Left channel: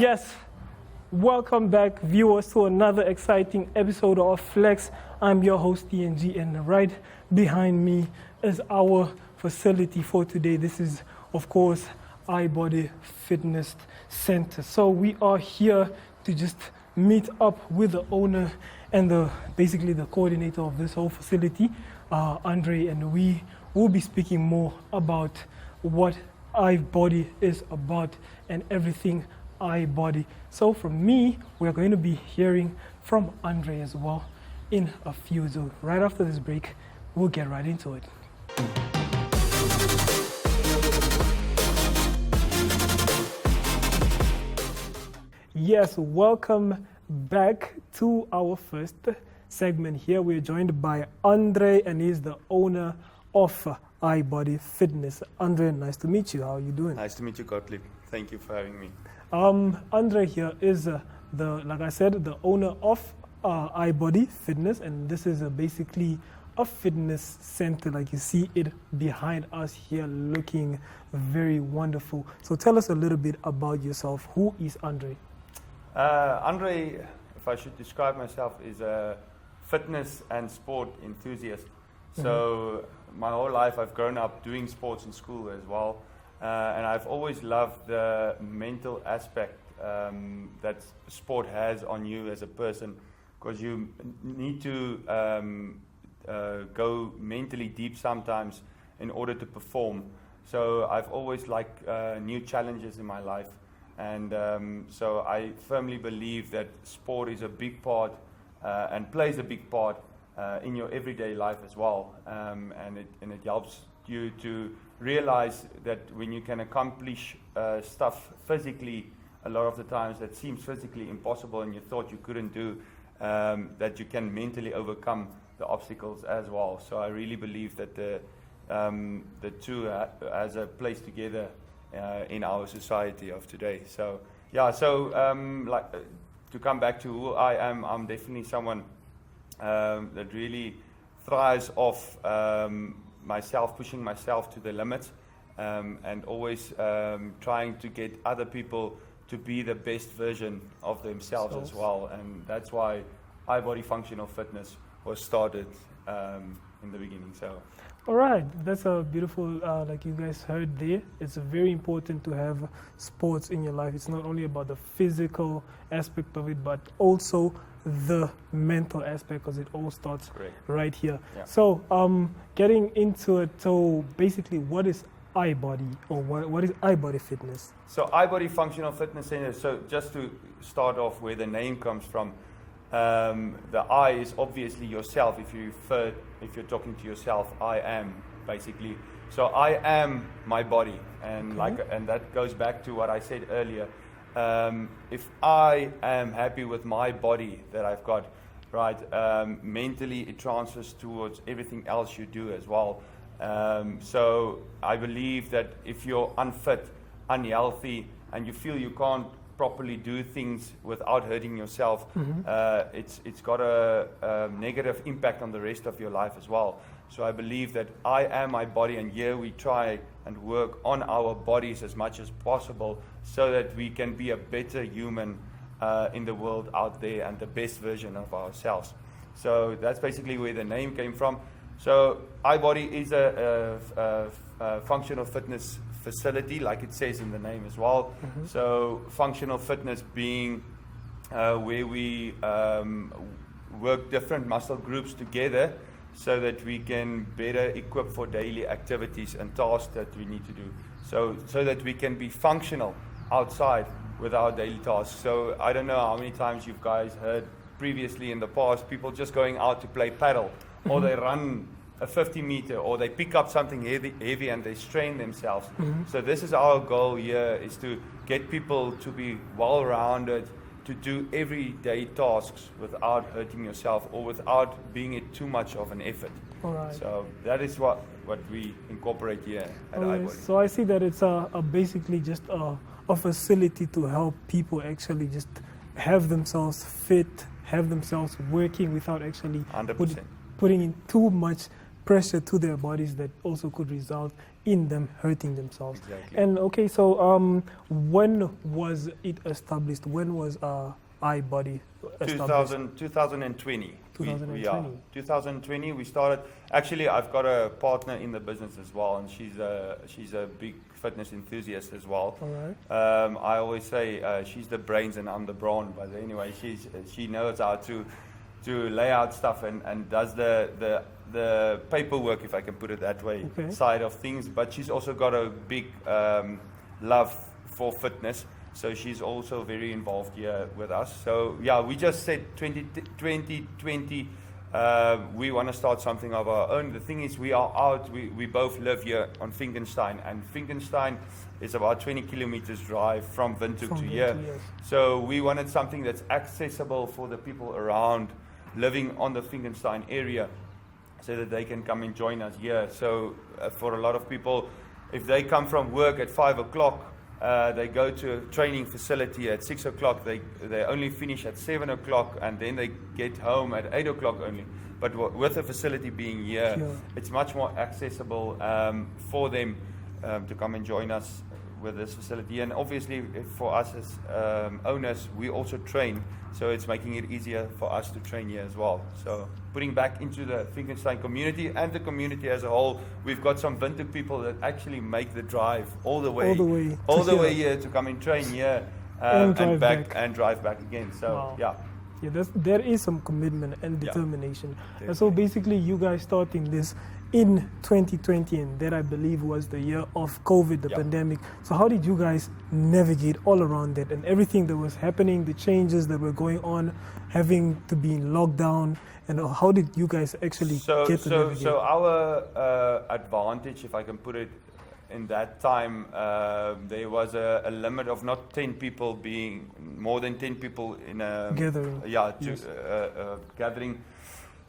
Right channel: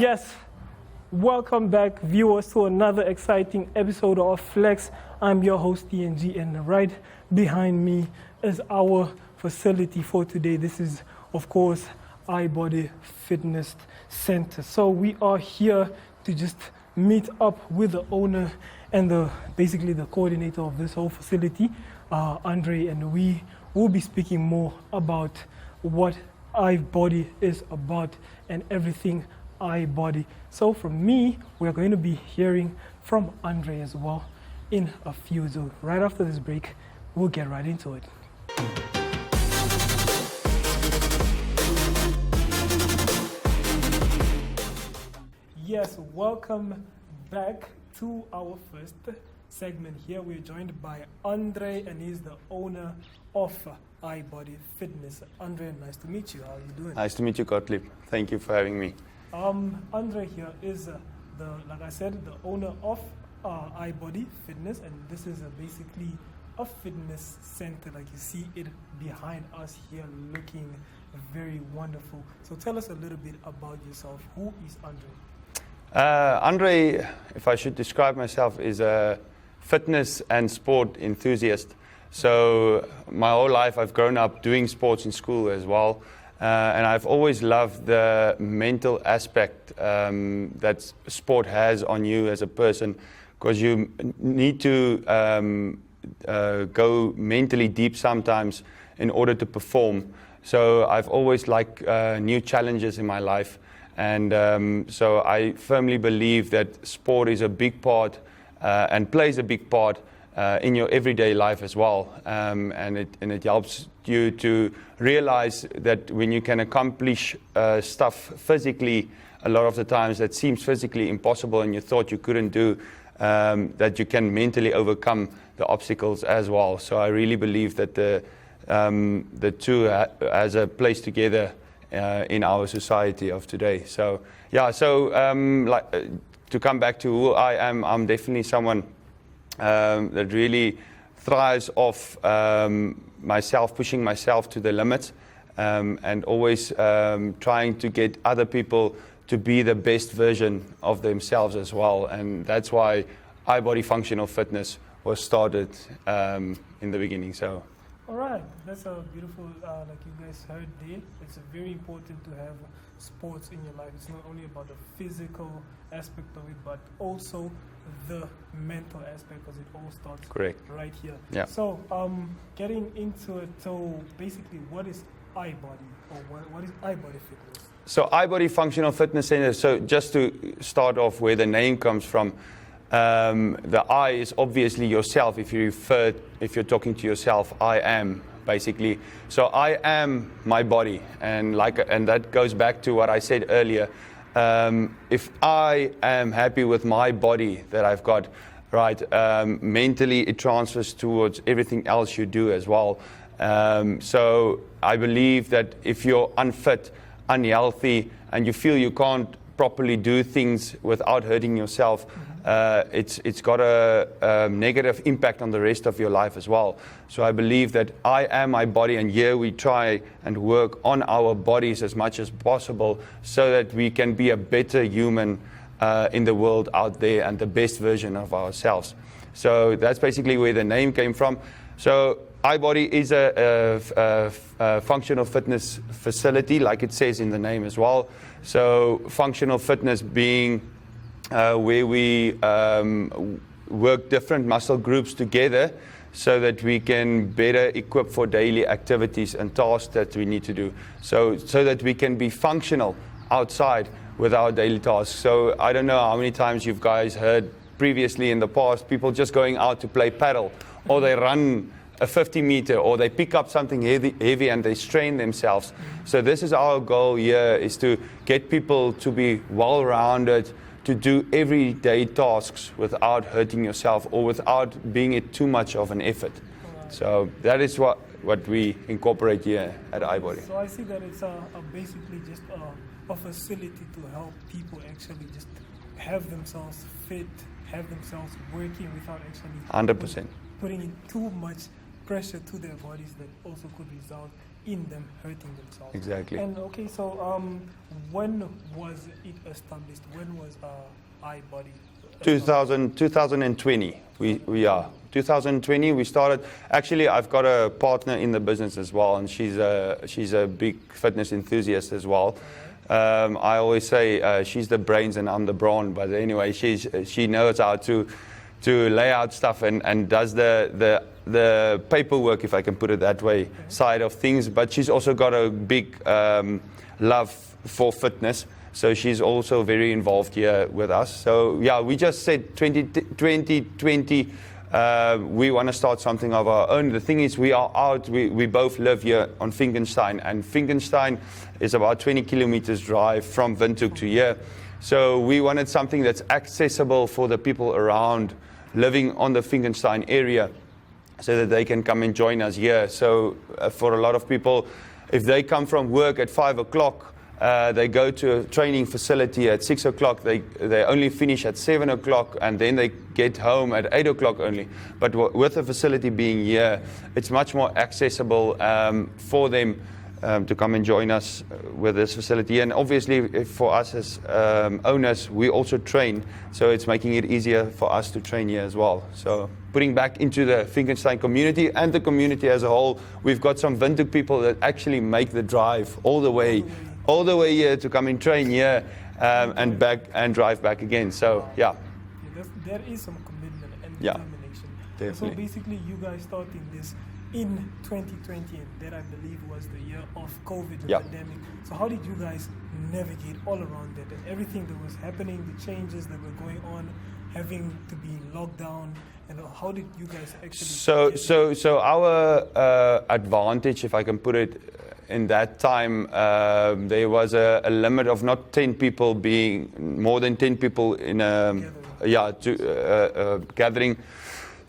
Yes, welcome back, viewers, to another exciting episode of Flex. I'm your host, TNG, and right behind me is our facility for today. This is, of course, iBody Fitness Center. So we are here to just meet up with the owner and basically the coordinator of this whole facility, Andre, and we will be speaking more about what iBody is about and everything iBody. So from me, we are going to be hearing from Andre as well in a few. So right after this break, we'll get right into it. Yes, welcome back to our first segment here. We're joined by Andre, and he's the owner of iBody Fitness. Andre, nice to meet you. How are you doing? Nice to meet you, Gotv. Thank you for having me. Andre here is like I said, the owner of iBody Fitness, and this is basically a fitness center. Like you see it behind us here, looking very wonderful. So tell us a little bit about yourself. Who is Andre? Andre, if I should describe myself, is a fitness and sport enthusiast. So my whole life I've grown up doing sports in school as well. And I've always loved the mental aspect that sport has on you as a person, because you need to go mentally deep sometimes in order to perform. So I've always liked new challenges in my life. And so I firmly believe that sport is a big part and plays a big part in your everyday life as well. And it helps you to realize that when you can accomplish stuff physically, a lot of the times that seems physically impossible and you thought you couldn't do, that you can mentally overcome the obstacles as well. So I really believe that the two has a place together in our society of today. So yeah, so to come back to who I am, I'm definitely someone that really thrives off myself, pushing myself to the limits, and always trying to get other people to be the best version of themselves as well. And that's why iBody Functional Fitness was started in the beginning. So. All right, that's a beautiful, like you guys heard there. It's very important to have sports in your life. It's not only about the physical aspect of it, but also the mental aspect, because it all starts right here. Yeah. So getting into it, so basically what is iBody, or what is iBody Fitness? So iBody Functional Fitness Center, so just to start off where the name comes from, the I is obviously yourself. If you're talking to yourself, I am basically. So I am my body, and that goes back to what I said earlier. If I am happy with my body that I've got, right, mentally it transfers towards everything else you do as well. So I believe that if you're unfit, unhealthy, and you feel you can't properly do things without hurting yourself, it's got a negative impact on the rest of your life as well. So I believe that I am my body, and here we try and work on our bodies as much as possible so that we can be a better human in the world out there and the best version of ourselves. So that's basically where the name came from. So iBody is a functional fitness facility, like it says in the name as well. So functional fitness being where we work different muscle groups together so that we can better equip for daily activities and tasks that we need to do. So that we can be functional outside with our daily tasks. So I don't know how many times you guys heard previously in the past people just going out to play paddle, or they run a 50 meter, or they pick up something heavy and they strain themselves. So this is our goal here, is to get people to be well-rounded, to do everyday tasks without hurting yourself or without being it too much of an effort. Right. So that is what we incorporate here at iBody. So I see that it's basically just a facility to help people actually just have themselves fit, have themselves working without actually 100%. Putting in too much pressure to their bodies that also could result in them hurting themselves. Exactly. And okay, so when was it established? When was iBody established? 2020. We are 2020. We started. Actually, I've got a partner in the business as well, and she's a big fitness enthusiast as well. Alright. I always say she's the brains and I'm the brawn. But anyway, she knows how to lay out stuff and does the paperwork, if I can put it that way, side of things. But she's also got a big love for fitness. So she's also very involved here with us. So yeah, we just said 2020, we want to start something of our own. The thing is, we are out, we both live here on Finkenstein, and Finkenstein is about 20 kilometers drive from Windhoek to here. So we wanted something that's accessible for the people around living on the Finkenstein area, so that they can come and join us here. So for a lot of people, if they come from work at 5 o'clock, they go to a training facility at 6 o'clock, they only finish at 7 o'clock, and then they get home at 8 o'clock only. But with the facility being here, it's much more accessible for them to come and join us with this facility. And obviously, for us as owners, we also train, so it's making it easier for us to train here as well. So putting back into the Finkenstein community and the community as a whole, we've got some Windhoek people that actually make the drive all the way here to come and train here and back and drive back again. So wow. yeah. There is some commitment and determination. Yeah, and so basically, you guys starting this in 2020, and that I believe was the year of COVID, the pandemic. So how did you guys navigate all around that and everything that was happening, the changes that were going on, having to be in lockdown, and how did you guys actually So our advantage, if I can put it in that time, there was a limit of not 10 people being more than 10 people in a gathering.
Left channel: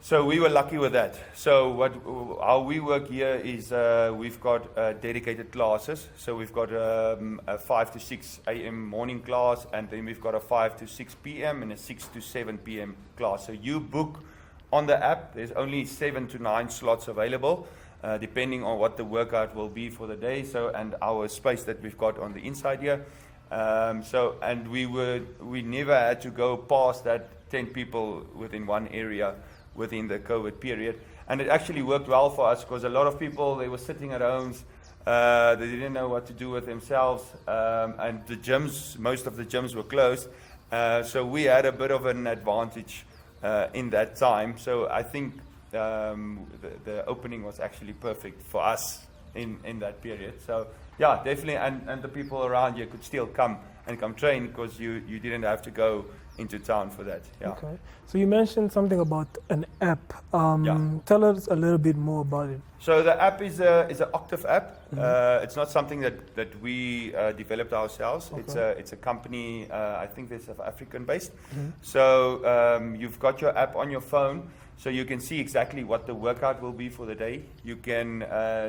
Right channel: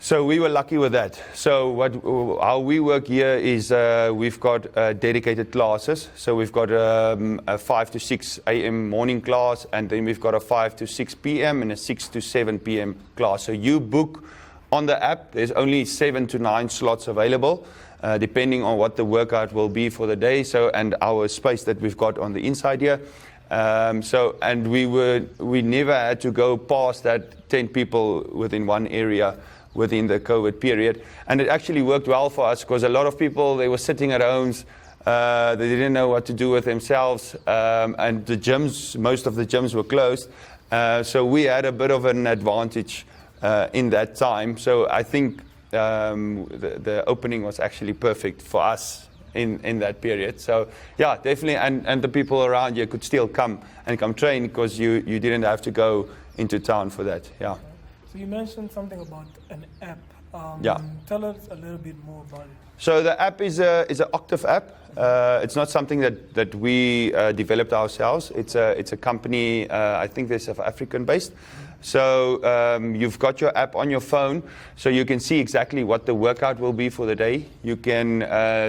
So we were lucky with that. So how we work here is we've got dedicated classes. So we've got a 5 to 6 a.m. morning class, and then we've got a 5 to 6 p.m. and a 6 to 7 p.m. class. So you book on the app. There's only 7 to 9 slots available, depending on what the workout will be for the day. So and our space that we've got on the inside here. And we never had to go past that 10 people within one area within the COVID period. And it actually worked well for us, because a lot of people, they were sitting at homes, they didn't know what to do with themselves, and the gyms, most of the gyms were closed. So we had a bit of an advantage in that time. So I think the opening was actually perfect for us in that period. So yeah, definitely, and the people around you could still come train, because you didn't have to go into town for that. Yeah. Okay. So you mentioned something about an app. Tell us a little bit more about it. So the app is an Gotv app. It's not something that we developed ourselves. Okay. It's a company, I think they're South African based. So you've got your app on your phone, so you can see exactly what the workout will be for the day. You can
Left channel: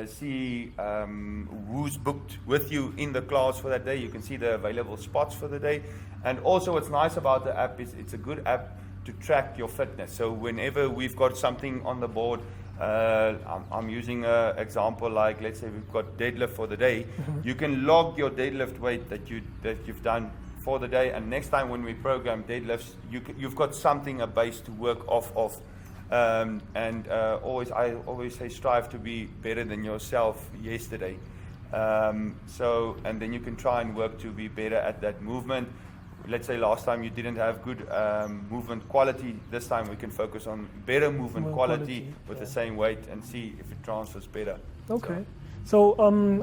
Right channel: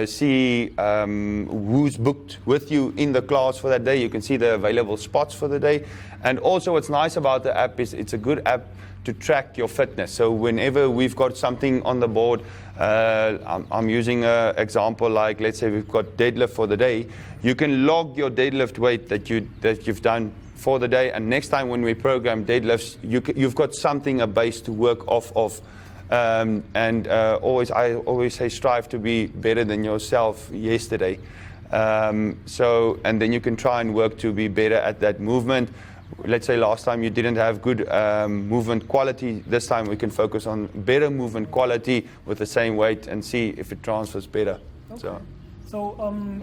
see who's booked with you in the class for that day. You can see the available spots for the day. And also what's nice about the app is it's a good app to track your fitness. So whenever we've got something on the board, I'm using an example like, let's say we've got deadlift for the day, you can log your deadlift weight that you've done for the day, and next time when we program deadlifts, you've got something, a base to work off of. I always say strive to be better than yourself yesterday. And then you can try and work to be better at that movement. Let's say last time you didn't have good movement quality. This time we can focus on better movement quality with the same weight and see if it transfers better. Okay. So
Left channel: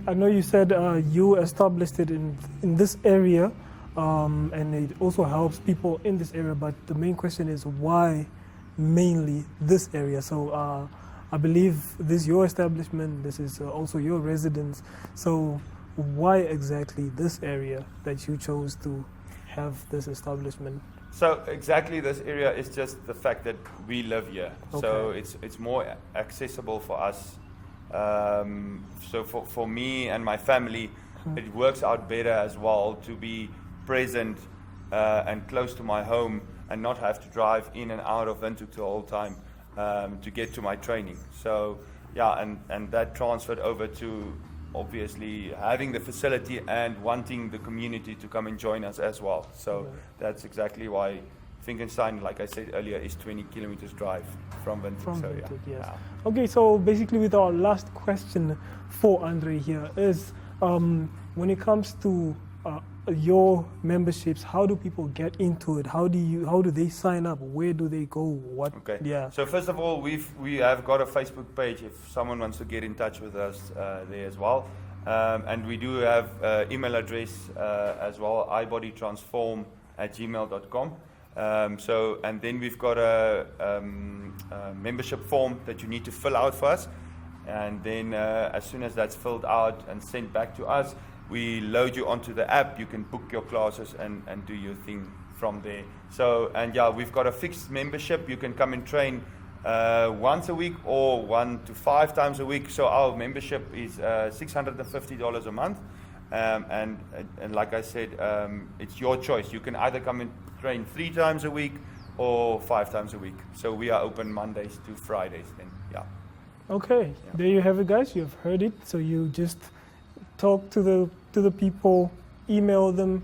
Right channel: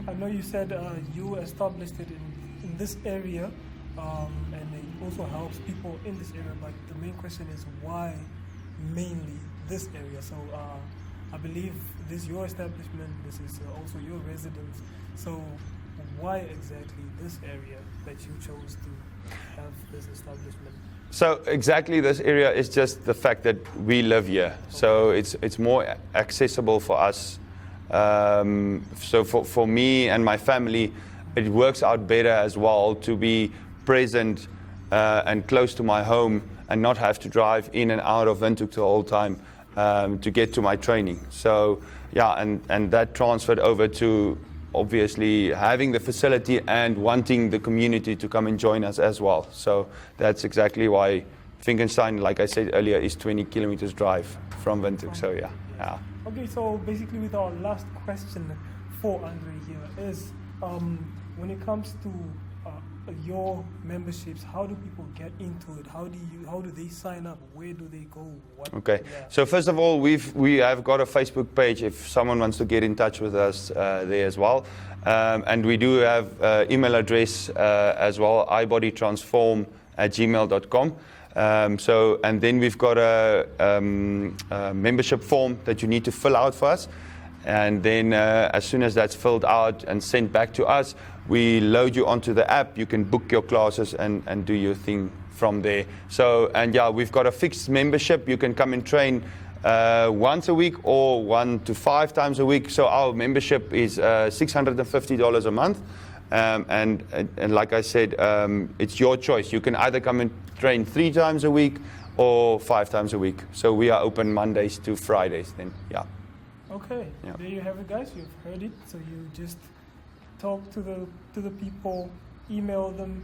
I know you said you established it in this area, and it also helps people in this area. But the main question is, why mainly this area? So I believe this is your establishment. This is also your residence. So why exactly this area that you chose to have this establishment? So exactly this area is just the fact that we live here. Okay. So it's more accessible for us. So for me and my family, it works out better as well to be present and close to my home and not have to drive in and out of Windhoek the whole time. to get to my training. So yeah, and that transferred over to obviously having the facility and wanting the community to come and join us as well. So that's exactly why Finkenstein, like I said earlier, is 20 kilometers drive from Windhoek. So yeah. Windhoek, yes. Yeah. Okay, so basically with our last question for Andre here is, when it comes to your memberships, how do people get into it? How do they sign up? Where do they go? What? Okay. Yeah. So first of all, we have got a Facebook page if someone wants to get in touch with us there as well. And we do have email address as well, ibodytransform@gmail.com. So, and then we've got a membership form that you need to fill out for us. And then as soon as that's filled out and sent back to us, we load you onto the app. You can book your classes and do your thing from there. So, and yeah, we've got a fixed membership. You can come and train once a week or 1 to 5 times a week. So our membership is $650 a month. And like I said, it's your choice. You can either come and train 3 times a week or 5 times a week. So we are open Mondays to Fridays then, yeah. Okay, Yeah. There you have it, guys. You've heard it. So you just talk to the people, email them,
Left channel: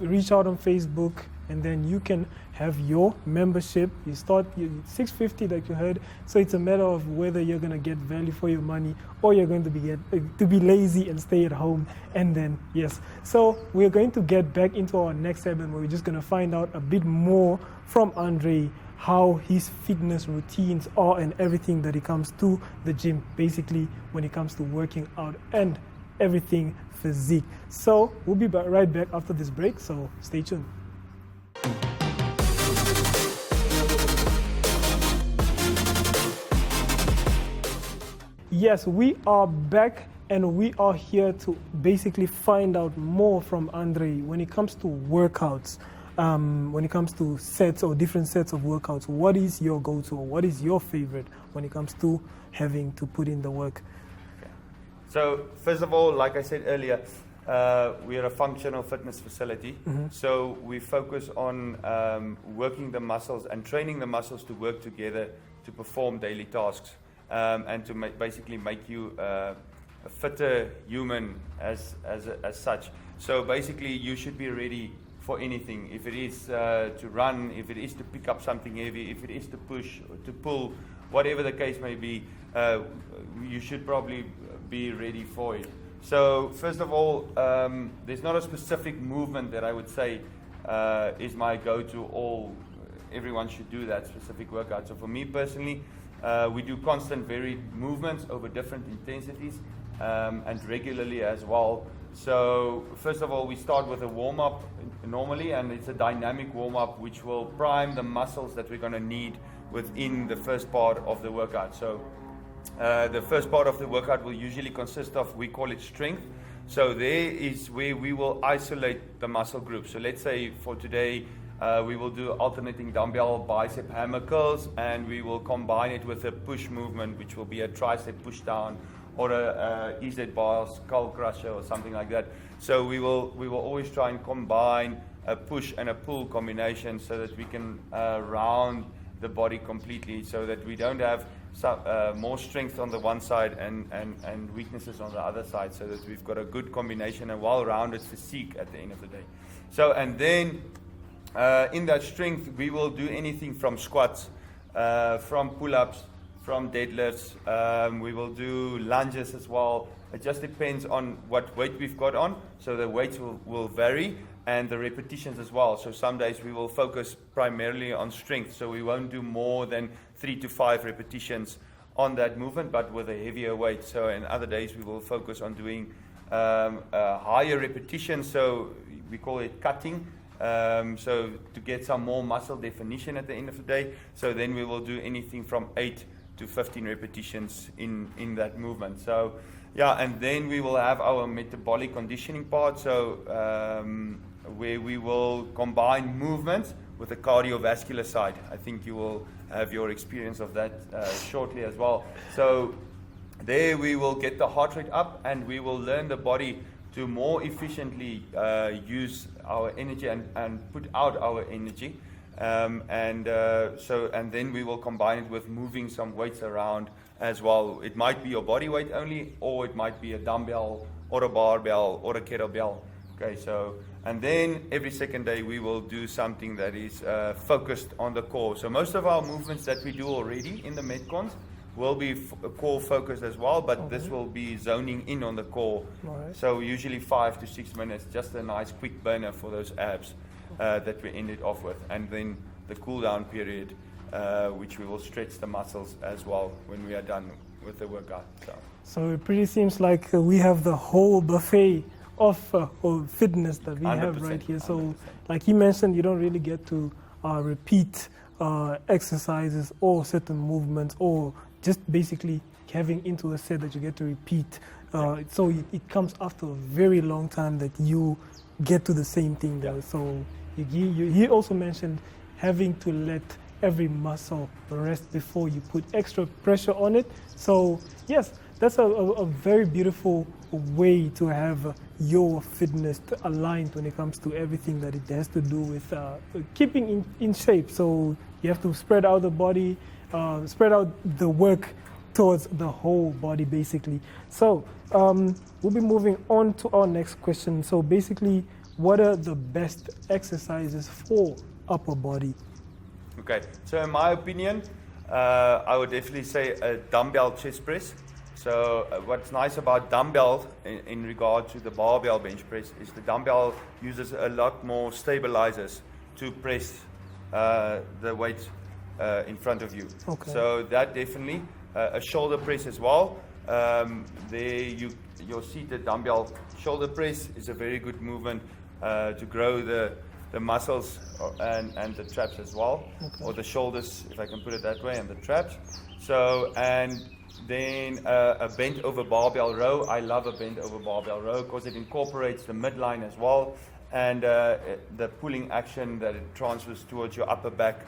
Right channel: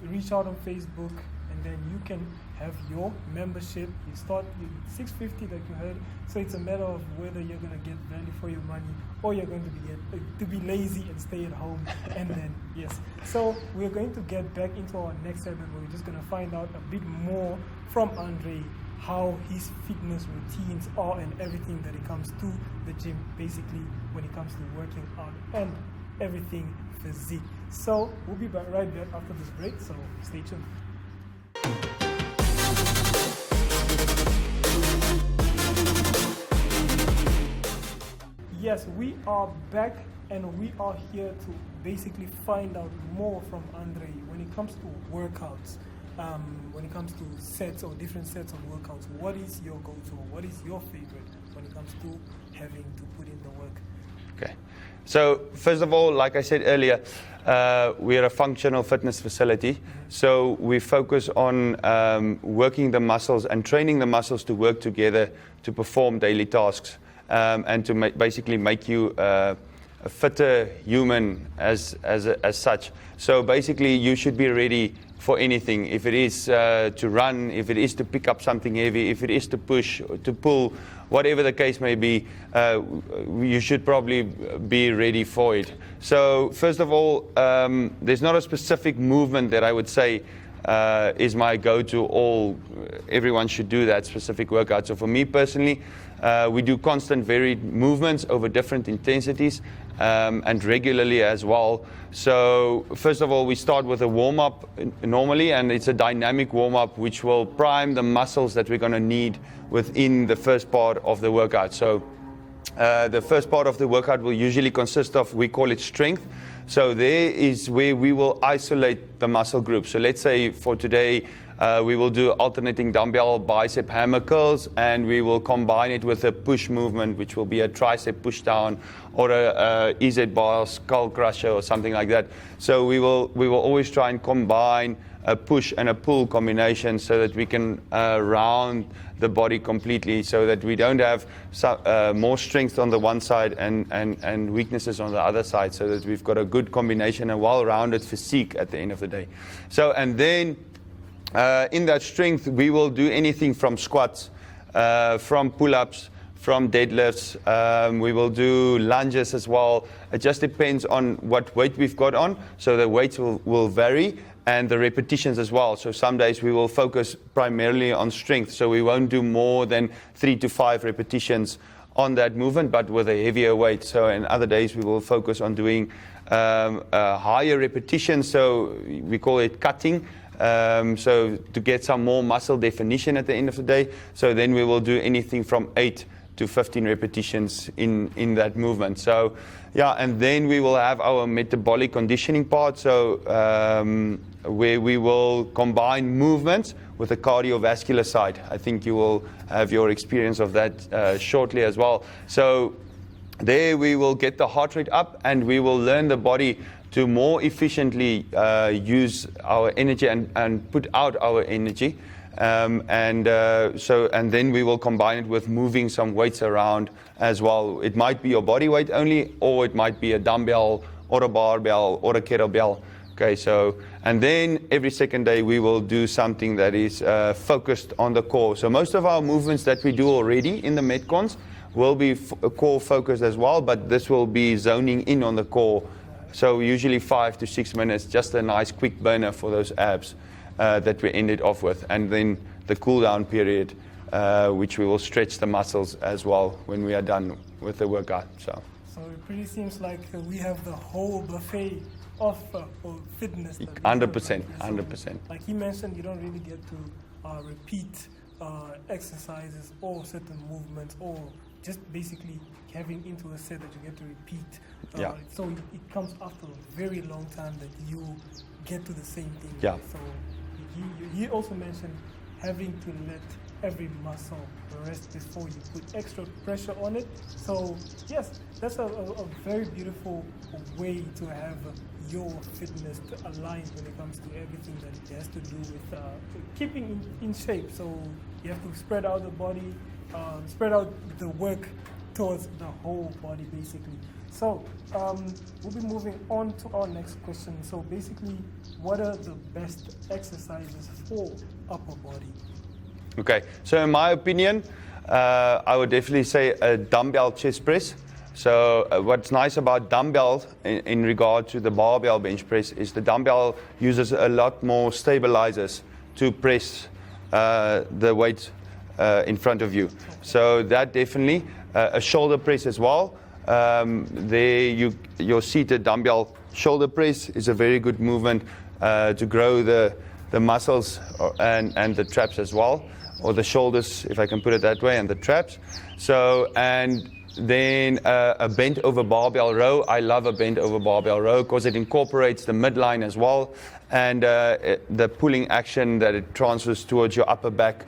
reach out on Facebook, and then you can have your membership. You start $650 that you heard. So it's a matter of whether you're gonna get value for your money or you're going to be lazy and stay at home. And then yes. So we're going to get back into our next segment where we're just gonna find out a bit more from Andre, how his fitness routines are and everything that it comes to the gym, basically when it comes to working out and everything physique. So we'll be right back after this break, so stay tuned. Yes, we are back and we are here to basically find out more from Andre when it comes to workouts. When it comes to sets or different sets of workouts, what is your go-to or what is your favorite when it comes to having to put in the work? Okay. So first of all, like I said earlier, we are a functional fitness facility. Mm-hmm. So we focus on working the muscles and training the muscles to work together to perform daily tasks and to basically make you a fitter human as such. So basically you should be ready for anything. If it is to run, if it is to pick up something heavy, if it is to push, or to pull, whatever the case may be, you should probably be ready for it. So first of all, there's not a specific movement that I would say is my go-to. Everyone should do that specific workout. So for me personally, we do constant varied movements over different intensities and regularly as well. So first of all, we start with a warm-up normally, and it's a dynamic warm-up which will prime the muscles that we're going to need within the first part of the workout. So the first part of the workout will usually consist of, we call it strength. So there is where we will isolate the muscle group. So let's say for today, we will do alternating dumbbell bicep hammer curls, and we will combine it with a push movement, which will be a tricep push down or a EZ bar skull crusher or something like that. So we will always try and combine a push and a pull combination so that we can round the body completely, so that we don't have more strength on the one side and weaknesses on the other side, so that we've got a good combination, a well-rounded physique at the end of the day. So, and then in that strength, we will do anything from squats, from pull-ups, from deadlifts. We will do lunges as well. It just depends on what weight we've got on. So the weights will vary, and the repetitions as well. So some days we will focus primarily on strength. So we won't do more than 3 to 5 repetitions on that movement, but with a heavier weight. So in other days we will focus on doing higher repetitions. So we call it cutting. So to get some more muscle definition at the end of the day. So then we will do anything from 8 to 15 repetitions in that movement. So yeah, and then we will have our metabolic conditioning part. So where we will combine movements with the cardiovascular side. I think you will have your experience of that shortly as well. So there we will get the heart rate up, and we will learn the body to more efficiently use our energy and put out our energy. And then we will combine it with moving some weights around as well. It might be your body weight only, or it might be a dumbbell or a barbell or a kettlebell. Okay, so, and then every second day we will do something that is focused on the core. So most of our movements that we do already in the Metcons will be core focused as well, but this will be zoning in on the core. So usually 5 to 6 minutes, just a nice quick burner for those abs that we ended off with. And then the cool down period, which we will stretch the muscles as well when we are done with the workout. So it pretty seems like we have the whole buffet of fitness that we 100%, have right here. So 100%. like he mentioned, you don't really get to repeat exercises or certain movements, or just basically having into a set that you get to repeat. So it comes after a very long time that you get to the same thing. Yeah. Right? So he also mentioned having to let every muscle rest before you put extra pressure on it. So yes, that's a very beautiful way to have your fitness aligned when it comes to everything that it has to do with keeping in shape. So you have to spread out the body, spread out the work towards the whole body basically. So we'll be moving on to our next question. So basically, what are the best exercises for upper body? Okay, so in my opinion, I would definitely say a dumbbell chest press. So what's nice about dumbbell in regard to the barbell bench press is the dumbbell uses a lot more stabilizers to press the weight in front of you. Okay. So that definitely, a shoulder press as well. Your seated dumbbell shoulder press is a very good movement to grow the muscles and the traps as well, or the shoulders, if I can put it that way, and the traps. So, and then a bent over barbell row. I love a bent over barbell row because it incorporates the midline as well, and the pulling action that it transfers towards your upper back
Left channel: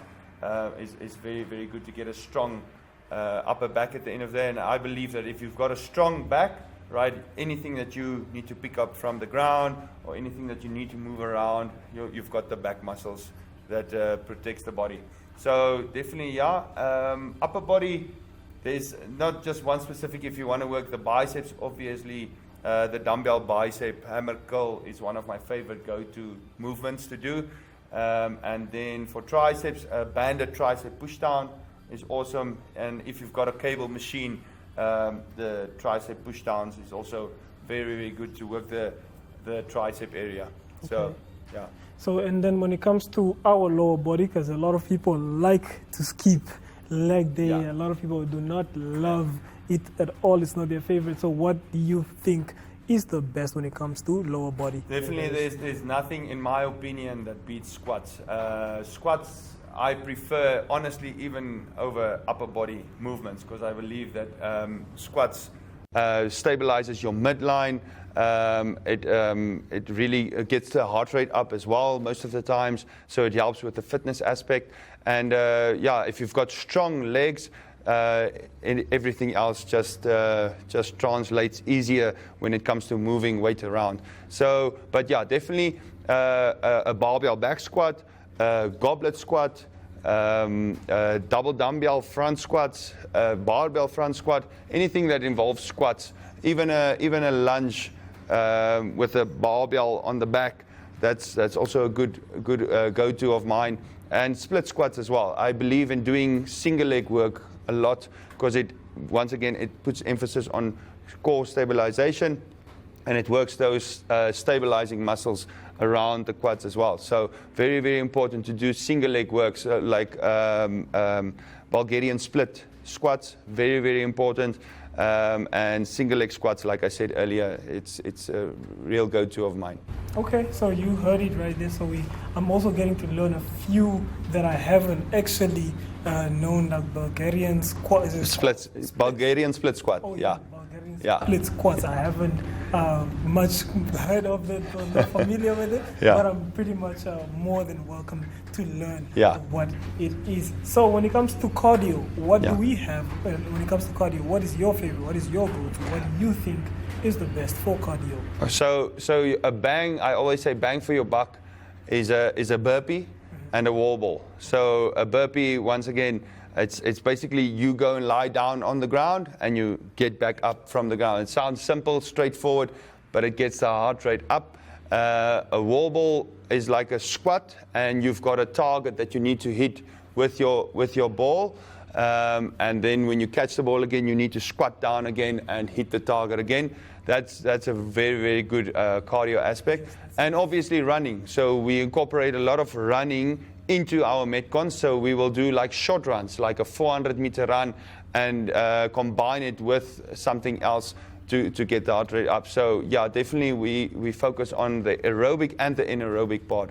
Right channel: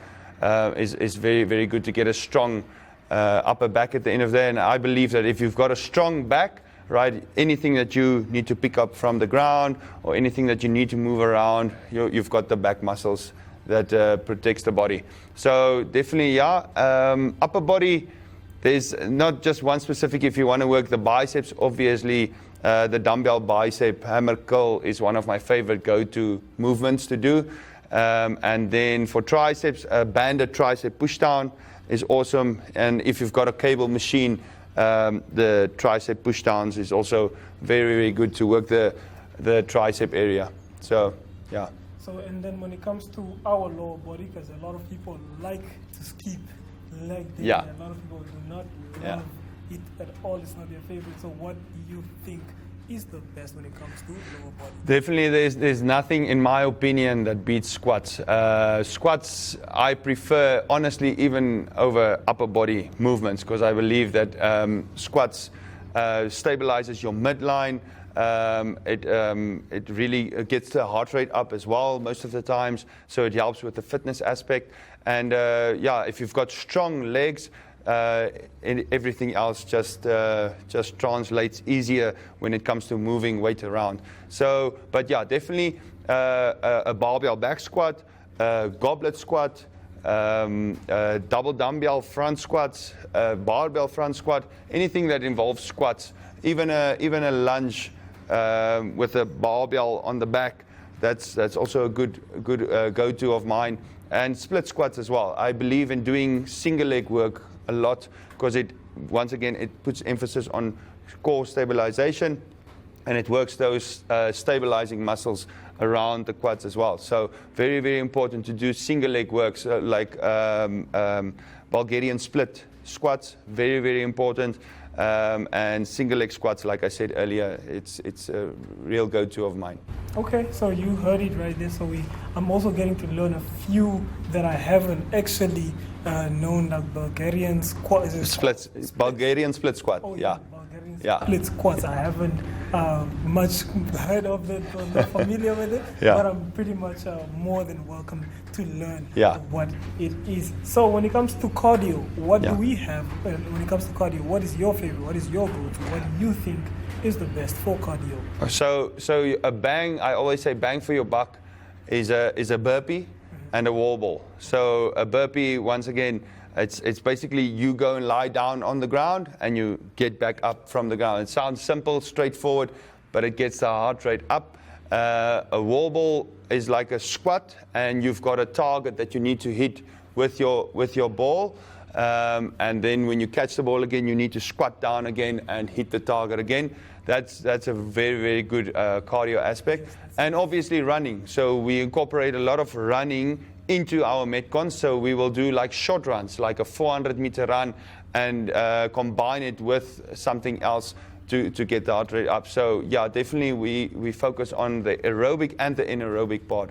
is very, very good to get a strong upper back at the end of the day. And I believe that if you've got a strong back, right, anything that you need to pick up from the ground or anything that you need to move around, you've got the back muscles that protects the body. So definitely, upper body, there's not just one specific. If you want to work the biceps, obviously the dumbbell bicep hammer curl is one of my favorite go-to movements to do. And then for triceps, a banded tricep pushdown is awesome. And if you've got a cable machine, the tricep pushdowns is also very, very good to work the tricep area. So, yeah. So, and then when it comes to our lower body, because a lot of people like to skip leg day, a lot of people do not love it at all. It's not their favorite. So what do you think is the best when it comes to lower body? Definitely, there's nothing, in my opinion, that beats squats. Squats, I prefer, honestly, even over upper body movements, because I believe that squats stabilizes your midline. It really gets the heart rate up as well most of the times, so it helps with the fitness aspect. And if you've got strong legs, everything else just translates easier when it comes to moving weight around. So, but yeah, definitely a barbell back squat, goblet squat, double dumbbell front squats, barbell front squat, anything that involves squats, even a lunge with a barbell on the back. That's also a good go-to of mine. And split squats as well. I believe in doing single leg work a lot because it puts emphasis on core stabilization, and it works those stabilizing muscles around the quads as well. So very, very important to do single leg works like Bulgarian split squats. Very, very important. And single leg squats, like I said earlier, it's a real go-to of mine. Okay, so you heard it right there. So I'm also getting to learn a few that I haven't actually known, like Bulgarian squat. Splits. It's Bulgarian split squat. Oh, yeah. Bulgarian split squats. I haven't much heard of it or not familiar with it, but I'm pretty much more than welcome to learn what it is. So when it comes to cardio, what do we have? When it comes to cardio, what is your favorite? What is your go-to? What do you think is the best for cardio? So a bang, I always say bang for your buck is a burpee. and a wall ball. So a burpee, once again, it's basically you go and lie down on the ground and you get back up from the ground. It sounds simple, straightforward, but it gets the heart rate up. A wall ball is like a squat, and you've got a target that you need to hit with your ball. And then when you catch the ball again, you need to squat down again and hit the target again. That's a very, very good cardio aspect. And obviously running. So we incorporate a lot of running into our Metcons. So we will do like short runs, like a 400-meter run, and combine it with something else to get the heart rate up. So yeah, definitely we focus on the aerobic and the anaerobic part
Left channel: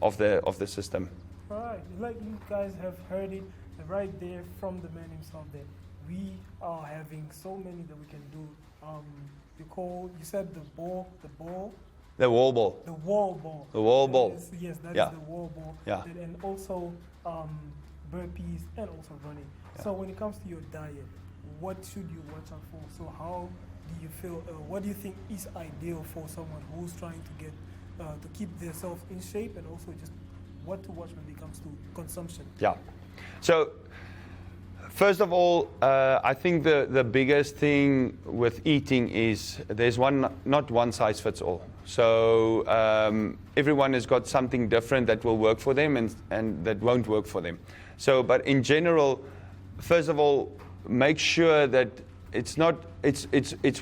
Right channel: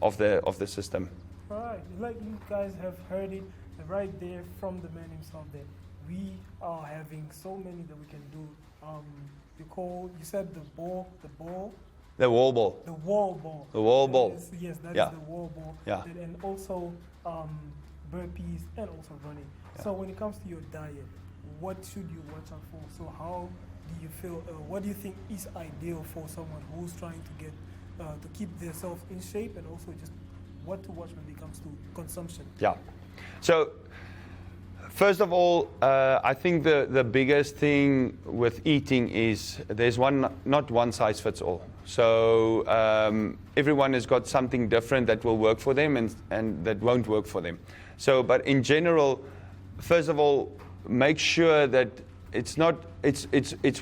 of the system. Right, like you guys have heard it right there from the man himself that we are having so many that we can do. You said the wall ball. The wall ball. The wall ball. The wall ball. Yes, that yeah. is the wall ball. Yeah. And also burpees and also running. Yeah. So when it comes to your diet, what should you watch out for? So how do you feel, what do you think is ideal for someone who's trying to get, to keep themselves in shape, and also just what to watch when it comes to consumption? Yeah. So first of all, I think the biggest thing with eating is there's not one size fits all. So everyone has got something different that will work for them and that won't work for them. So, but in general, first of all, make sure that it's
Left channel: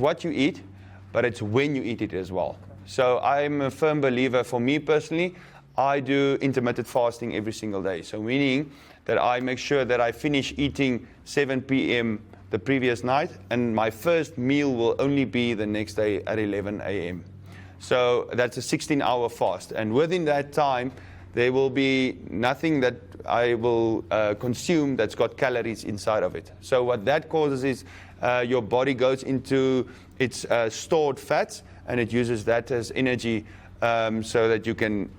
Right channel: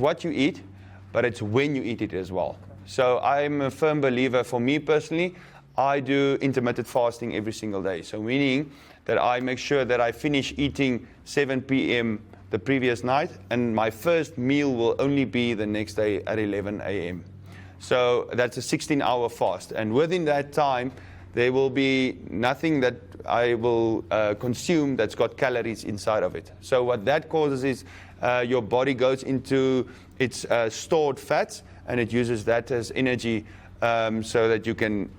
what you eat, but it's when you eat it as well. So I'm a firm believer. For me personally, I do intermittent fasting every single day. So meaning that I make sure that I finish eating 7 p.m. the previous night, and my first meal will only be the next day at 11 a.m. So that's a 16-hour fast. And within that time, there will be nothing that I will consume that's got calories inside of it. So what that causes is your body goes into its stored fats, and it uses that as energy so that you can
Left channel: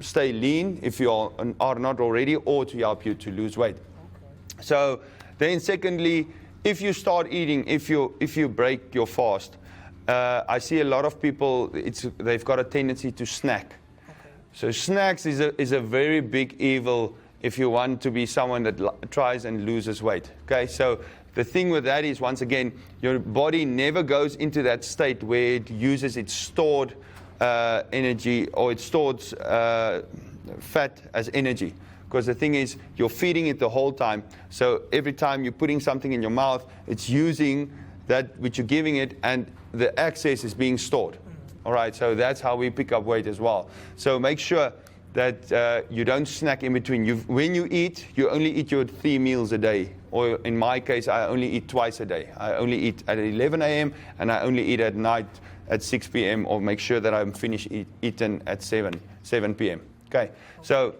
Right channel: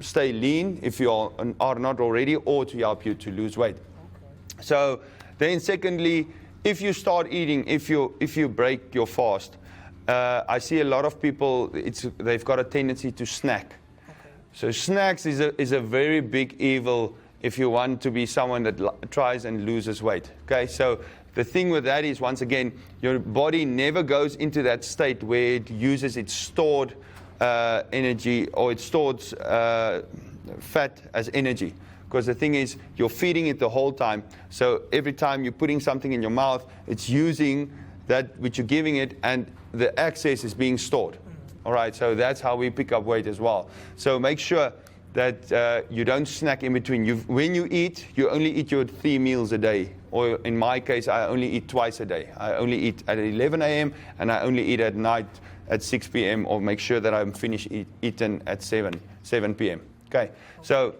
stay lean if you are not already, or to help you to lose weight. Okay. So then secondly, if you start eating, if you break your fast, I see a lot of people, they've got a tendency to snack. Okay. So snacks is a very big evil if you want to be someone that tries and loses weight. Okay, so the thing with that is, once again, your body never goes into that state where it uses its stored energy, or it stores fat as energy. Because the thing is, you're feeding it the whole time. So every time you're putting something in your mouth, it's using that which you're giving it, and the excess is being stored. All right, so that's how we pick up weight as well. So make sure that you don't snack in between. When you eat, you only eat your 3 meals a day. Or in my case, I only eat twice a day. I only eat at 11 a.m. and I only eat at night at 6 p.m. or make sure that I'm finished eating at 7 p.m. Okay, so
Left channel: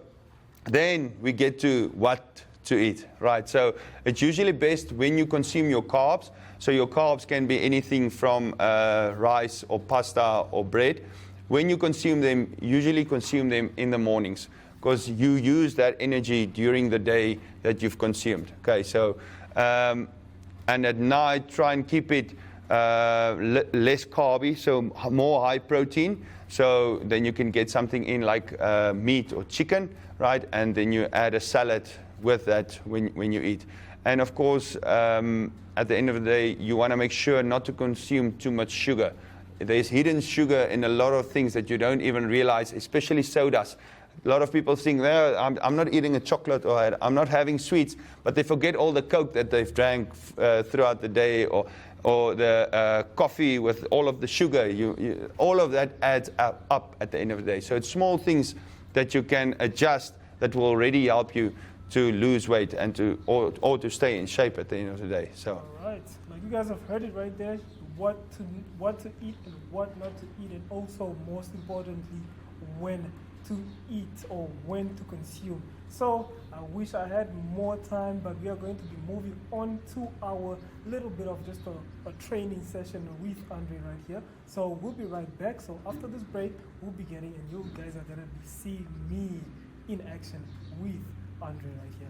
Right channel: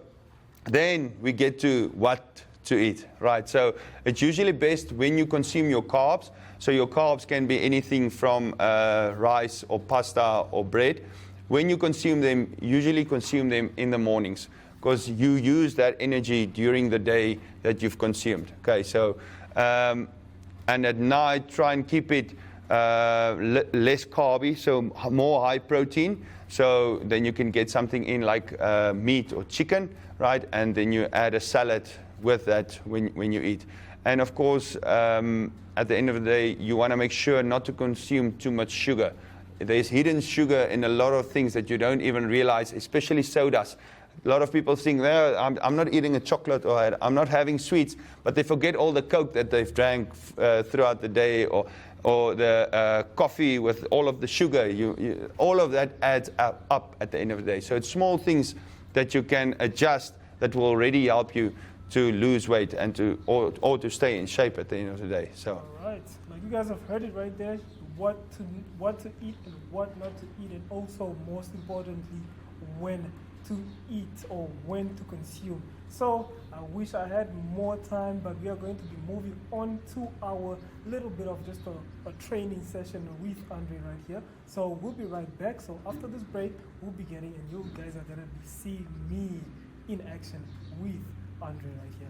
then we get to what to eat, right? So it's usually best when you consume your carbs. So your carbs can be anything from rice or pasta or bread. When you consume them, usually consume them in the mornings, because you use that energy during the day that you've consumed. Okay, so and at night try and keep it less carby, so more high protein. So then you can get something in like meat or chicken, right? And then you add a salad with that when you eat. And of course, at the end of the day, you want to make sure not to consume too much sugar. There's hidden sugar in a lot of things that you don't even realize, especially sodas. A lot of people think, well, I'm not eating a chocolate, or I'm not having sweets, but they forget all the Coke that they've drank throughout the day, or the coffee with all of the sugar. All of that adds up at the end of the day. So it's small things that you can adjust that will already help you to lose weight and or to stay in shape at the end of the day. So. All right, like you guys have heard it right there. What to eat and what not to eat, and also most importantly, when to eat or when to consume. So I wish I had more time, but we are going to be moving on to our little bit of just a training session with Andre right here. So we'll be right back. So after this break, we'll be getting, and you guys are going to be seeing me in action with Andre right here.